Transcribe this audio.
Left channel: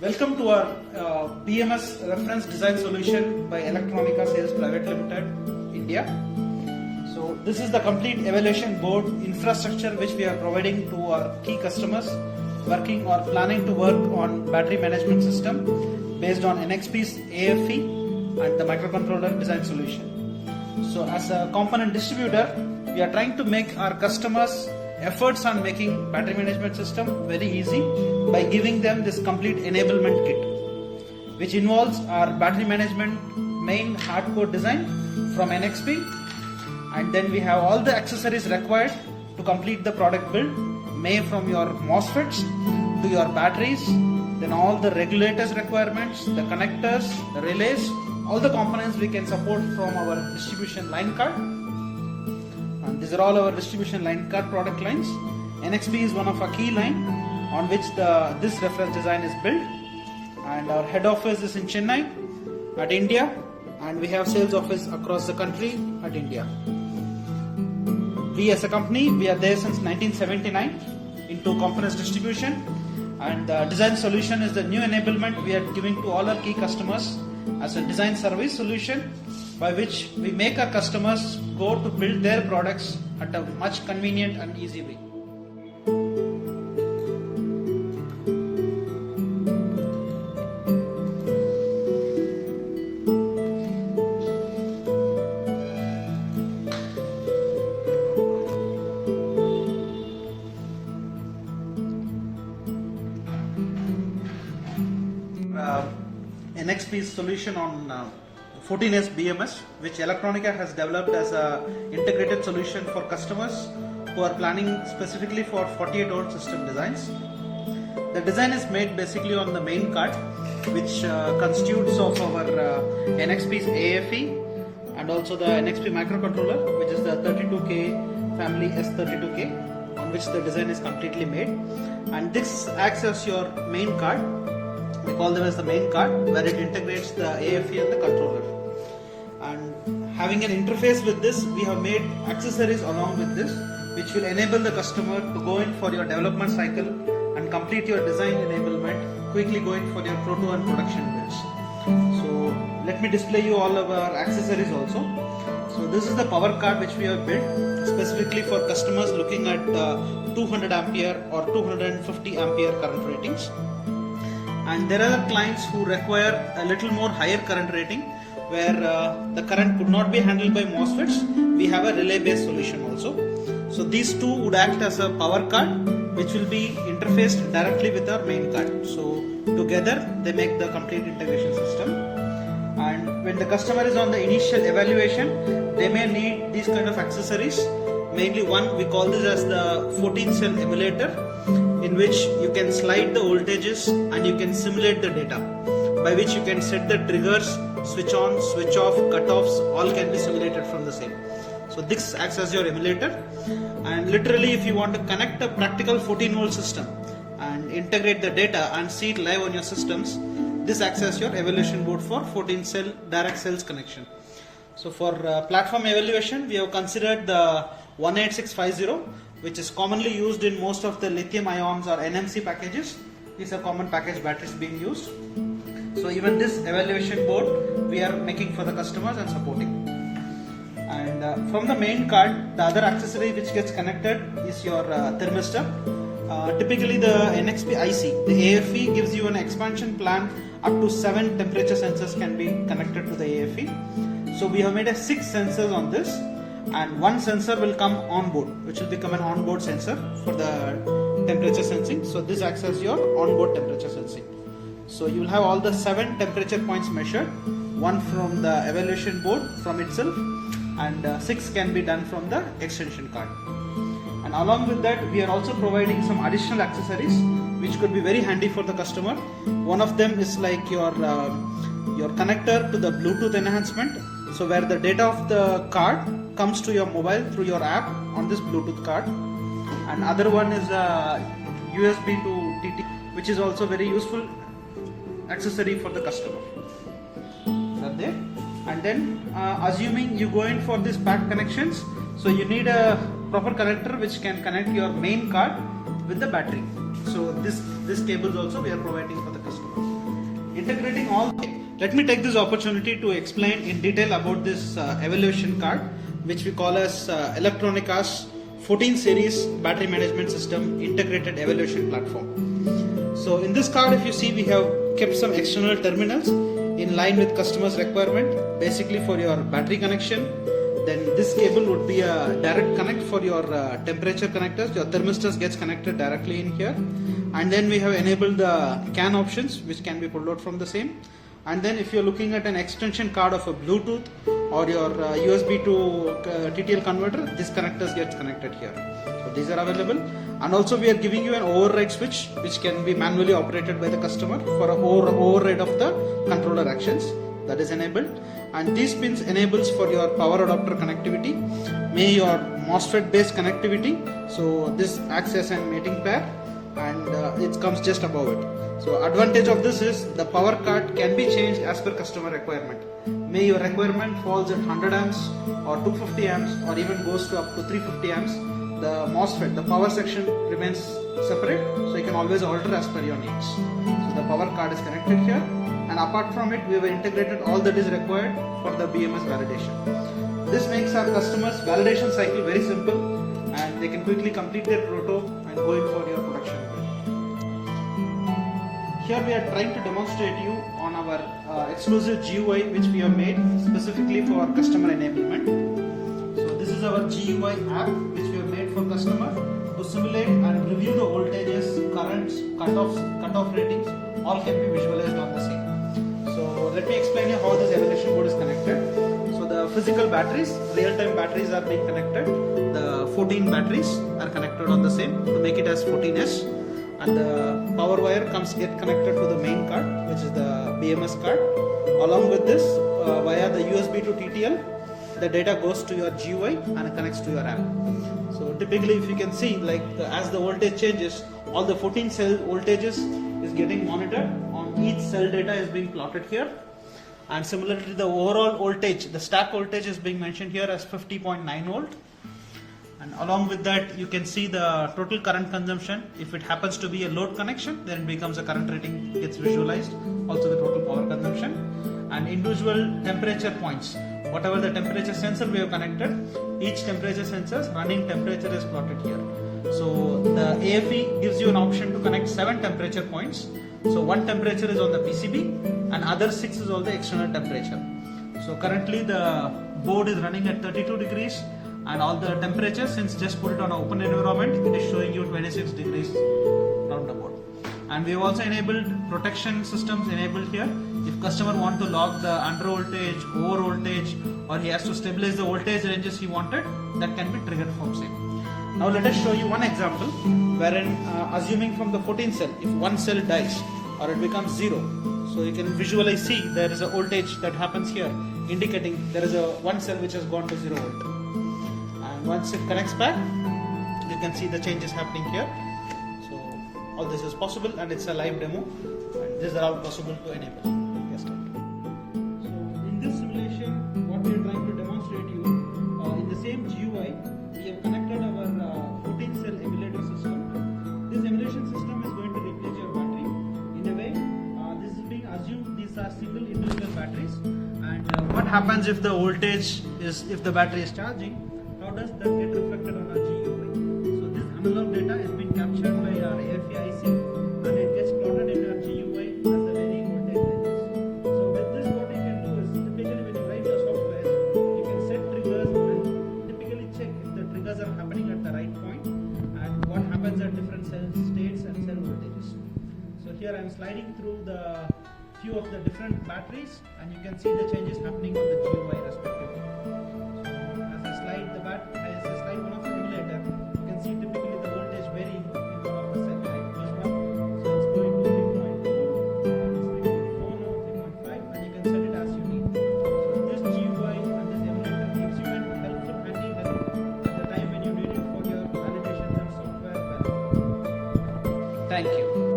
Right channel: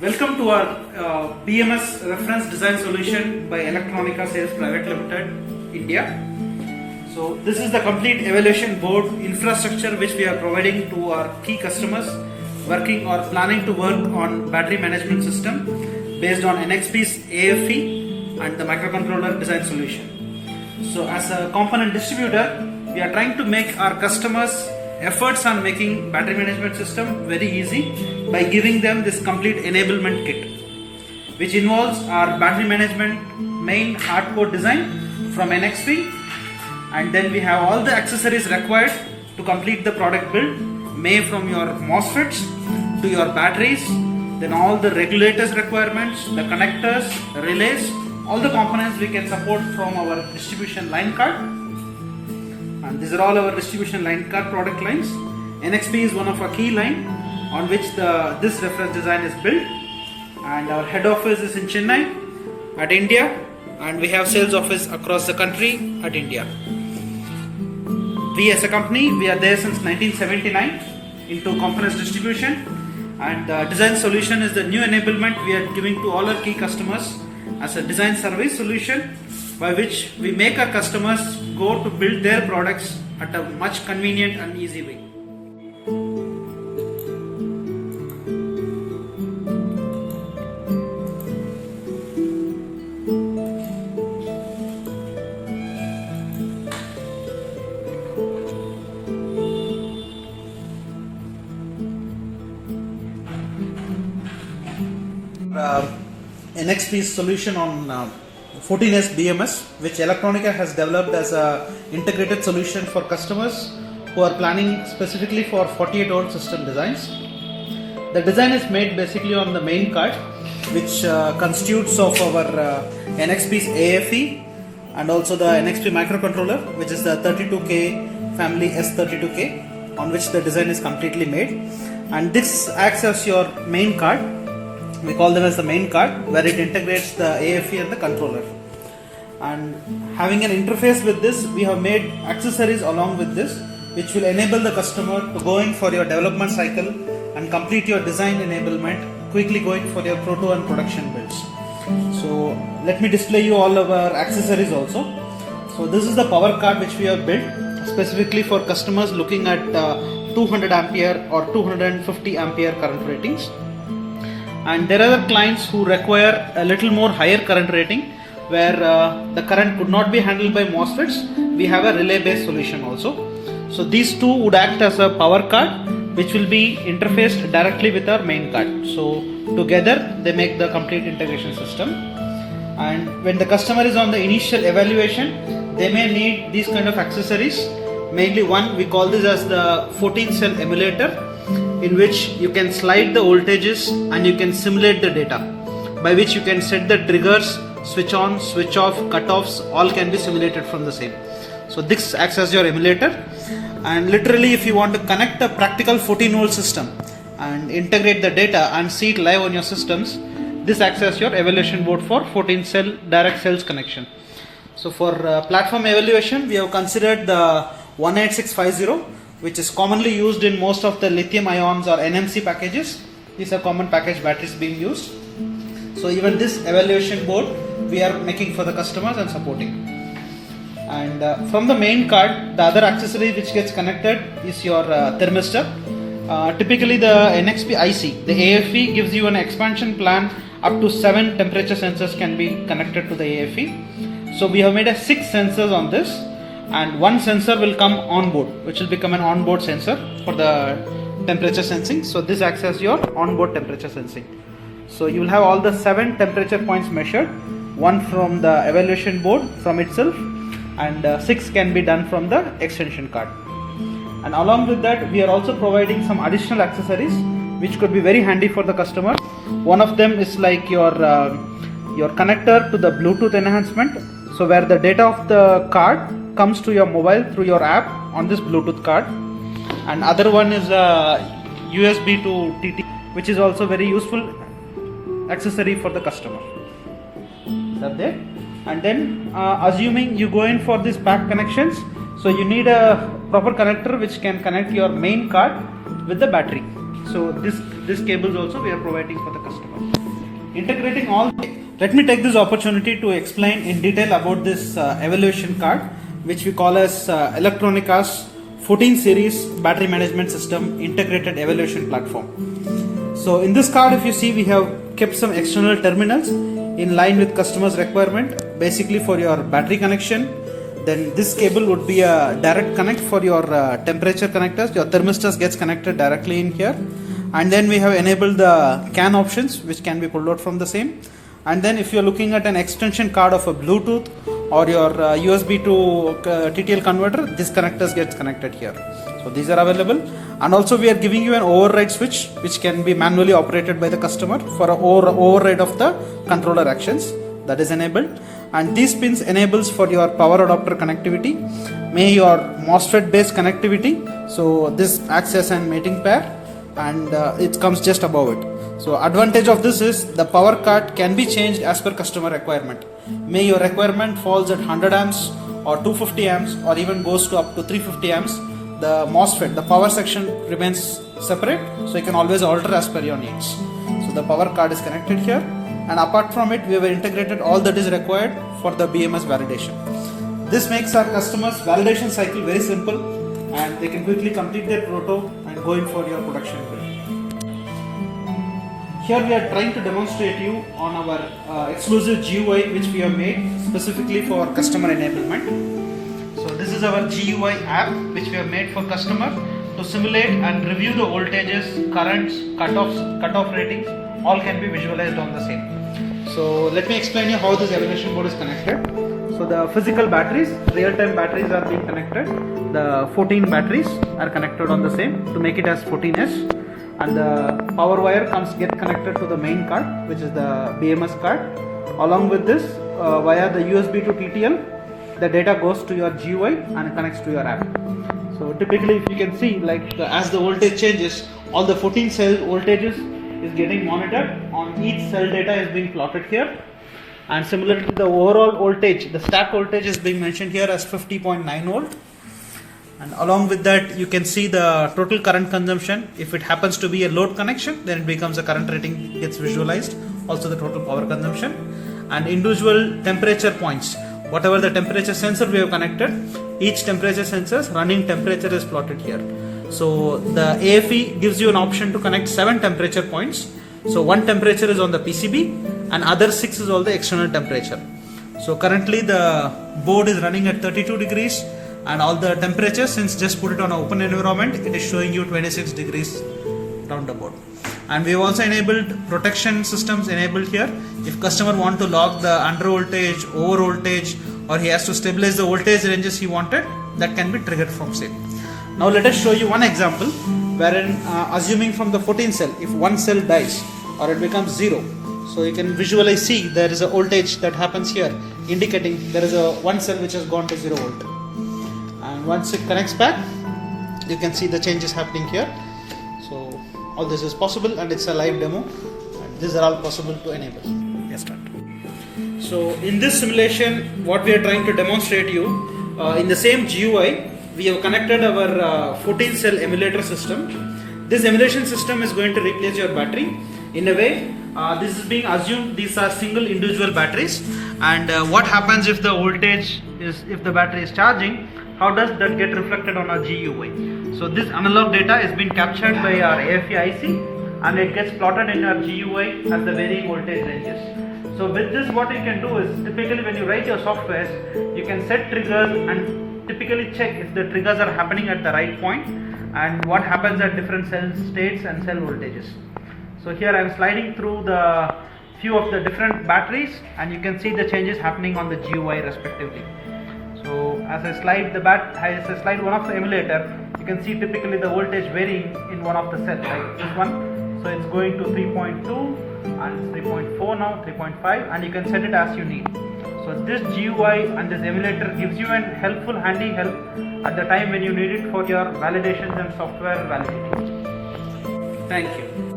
Welcome to our Bms reference design solution by Electronica Sales Private Limited, India. So this is the complete evaluation board infrastructure which we are providing to our key customers working or planning to work on battery management system based on NXP's AFE and the microcontroller design solution. So as a component distributor, we are trying to make our customers efforts on making battery management system very easy by giving them this complete enablement kit, which involves our battery management main hardcore design from NXP, and then we have all the accessories required to complete the product build, made from your MOSFETs to your batteries, then all the regulators requirements, the connectors, the relays, all the components we can support from our distribution line card. And these are all our distribution line card product lines. NXP is one of our key line on which this reference design is built, and our head office is in Chennai at India, and we have sales office across the country at India. We as a company, we are there since 1979 into components distribution, and design solution is the new enablement we are giving to all our key customers as a design service solution, by which we make our customers go to build their products at a much convenient and easy way. NXP's solution on 14S BMS, which Electronica has developed as a integrated solution for customers who are planning specifically for 48-volt system designs. The design is made basically on the main card, which constitutes of our NXP's AFE and also the NXP microcontroller, which is the 32K family S32K, on which the design is completely made. And this acts as your main card. We call them as the main card, where it integrates the AFE and the controller. And having an interface with this, we have made accessories along with this, which will enable the customer to go in for your development cycle and complete your design enablement, quickly going for your proto and production builds. So let me display you all of our accessories also. So this is the power card which we have built specifically for customers looking at 200 ampere or 250 ampere current ratings. And there are clients who require a little more higher current rating, where the current could not be handled by MOSFETs. We have a relay based solution also. So these two would act as a power card, which will be interfaced directly with our main card. So together they make the complete integration system. And when the customer is on the initial evaluation, they may need these kind of accessories. Mainly one, we call this as the 14 cell emulator, in which you can slide the voltages and you can simulate the data, by which you can set the triggers, switch on, switch off, cutoffs, all can be simulated from the same. So this acts as your emulator, and literally if you want to connect a practical 14-volt system and integrate the data and see it live on your systems, this acts as your evaluation board for 14 cell direct cells connection. So for platform evaluation, we have considered the 18650, which is commonly used in most of the lithium ions or NMC packages. These are common package batteries being used. So even this evaluation board we are making for the customers and supporting. And from the main card, the other accessory which gets connected is your thermistor. Typically the NXP IC, the AFE gives you an expansion plan up to 7 temperature sensors can be connected to the AFE. So we have made 6 sensors on this, and one sensor will come on board, which will become an onboard sensor for the temperature sensing. So this acts as your onboard temperature sensing. So you will have all the 7 temperature points measured, one from the evaluation board from itself, and 6 can be done from the extension card. And along with that, we are also providing some additional accessories which could be very handy for the customer. One of them is like your connector to the Bluetooth enhancement, so where the data of the card comes to your mobile through your app on this Bluetooth card. And other one is a USB to TT, which is also very useful accessory for the customer. Is there? And then assuming you go in for these pack connections, so you need a proper connector which can connect your main card with the battery. So this cables also we are providing for the customers. Integrating all. Let me take this opportunity to explain in detail about this evaluation card, which we call as Electronica's 14 series battery management system integrated evaluation platform. So in this card, if you see, we have kept some external terminals in line with customers' requirement, basically for your battery connection. Then this cable would be a direct connect for your temperature connectors. Your thermostat gets connected directly in here. And then we have enabled the CAN options, which can be pulled out from the same. And then if you're looking at an extension card of a Bluetooth or your USB to TTL converter, this connectors gets connected here. So these are available. And also we are giving you an override switch, which can be manually operated by the customer for an override of the controller actions. That is enabled. And these pins enables for your power adapter connectivity, may your MOSFET based connectivity. So this acts as an mating pair, and it comes just above it. So advantage of this is the power card can be changed as per customer requirement. May your requirement falls at 100 amps or 250 amps or even goes to up to 350 amps. The MOSFET, the power section remains separate, so you can always alter as per your needs. So the power card is connected here, and apart from it, we have integrated all that is required for the BMS validation. This makes our customers' validation cycle very simple, and they can quickly complete their proto and go in for your production build. Here we are trying to demonstrate you on our exclusive GUI which we have made specifically for customer enablement. So this is our GUI app which we have made for customer to simulate and review the voltages, currents, cutoff ratings, all can be visualized on the same. So let me explain you how this evaluation board is connected. So the physical batteries, real-time batteries are being connected. The 14 batteries are connected on the same to make it as 14S. And the power wire get connected to the main card, which is the BMS card. Along with this, via the USB to TTL, the data goes to your GUI and it connects to your app. So typically, if you can see, like as the voltage changes, all the 14 cell voltages is getting monitored. On each cell data is being plotted here. And similarly, the overall voltage, the stack voltage is being mentioned here as 50.9 volt. And along with that, you can see the total current consumption. If it happens to be a load connection, then it becomes a current rating gets visualized. Also the total power consumption and individual temperature points. Whatever the temperature sensor we have connected, each temperature sensor's running temperature is plotted here. So the AFE gives you an option to connect 7 temperature points. So one temperature is on the PCB and other 6 is all the external temperature. So currently the board is running at 32 degrees. And all the temperatures, since just put it on an open environment, it is showing you 26 degrees roundabout. And we have also enabled protection systems enabled here. If customer want to log the under voltage, over voltage, or he has to stabilize the voltage ranges he wanted, that can be triggered from same. Now let us show you one example wherein assuming from the 14 cell, if one cell dies or it becomes 0, so you can visualize see there is a voltage that happens here indicating there is a one cell which has gone to 0 volt. Once it connects back, you can see the changes happening here. So all this is possible and it's a live demo. And these are all possible to enable. Yes, start. So in this simulation, what we are trying to demonstrate you, in the same GUI, we have connected our 14 cell emulator system. This emulation system is going to replace your battery. In a way, this is being assumed these are single individual batteries. And what happens if the voltage is, if the battery is charging, how does that get reflected on our GUI? So this analog data is being captured by our AFE IC and it gets plotted in our GUI as the varying voltage ranges. So with this, what you can do is typically when you write your software, you can set triggers and typically check if the triggers are happening at the right point and what happens at different cell states and cell voltages. So here I am sliding through the few of the different batteries and you can see the changes happening on the GUI respectively. So as I slide one of the emulator, you can see typically the voltage varying in one of the cells, like this one. So it's going to 3.2 and it's 3.4 now, 3.5, and you can set it as you need. So this GUI and this emulator gives you an handy help at the time when you need it for your validations and software validating. Thank you.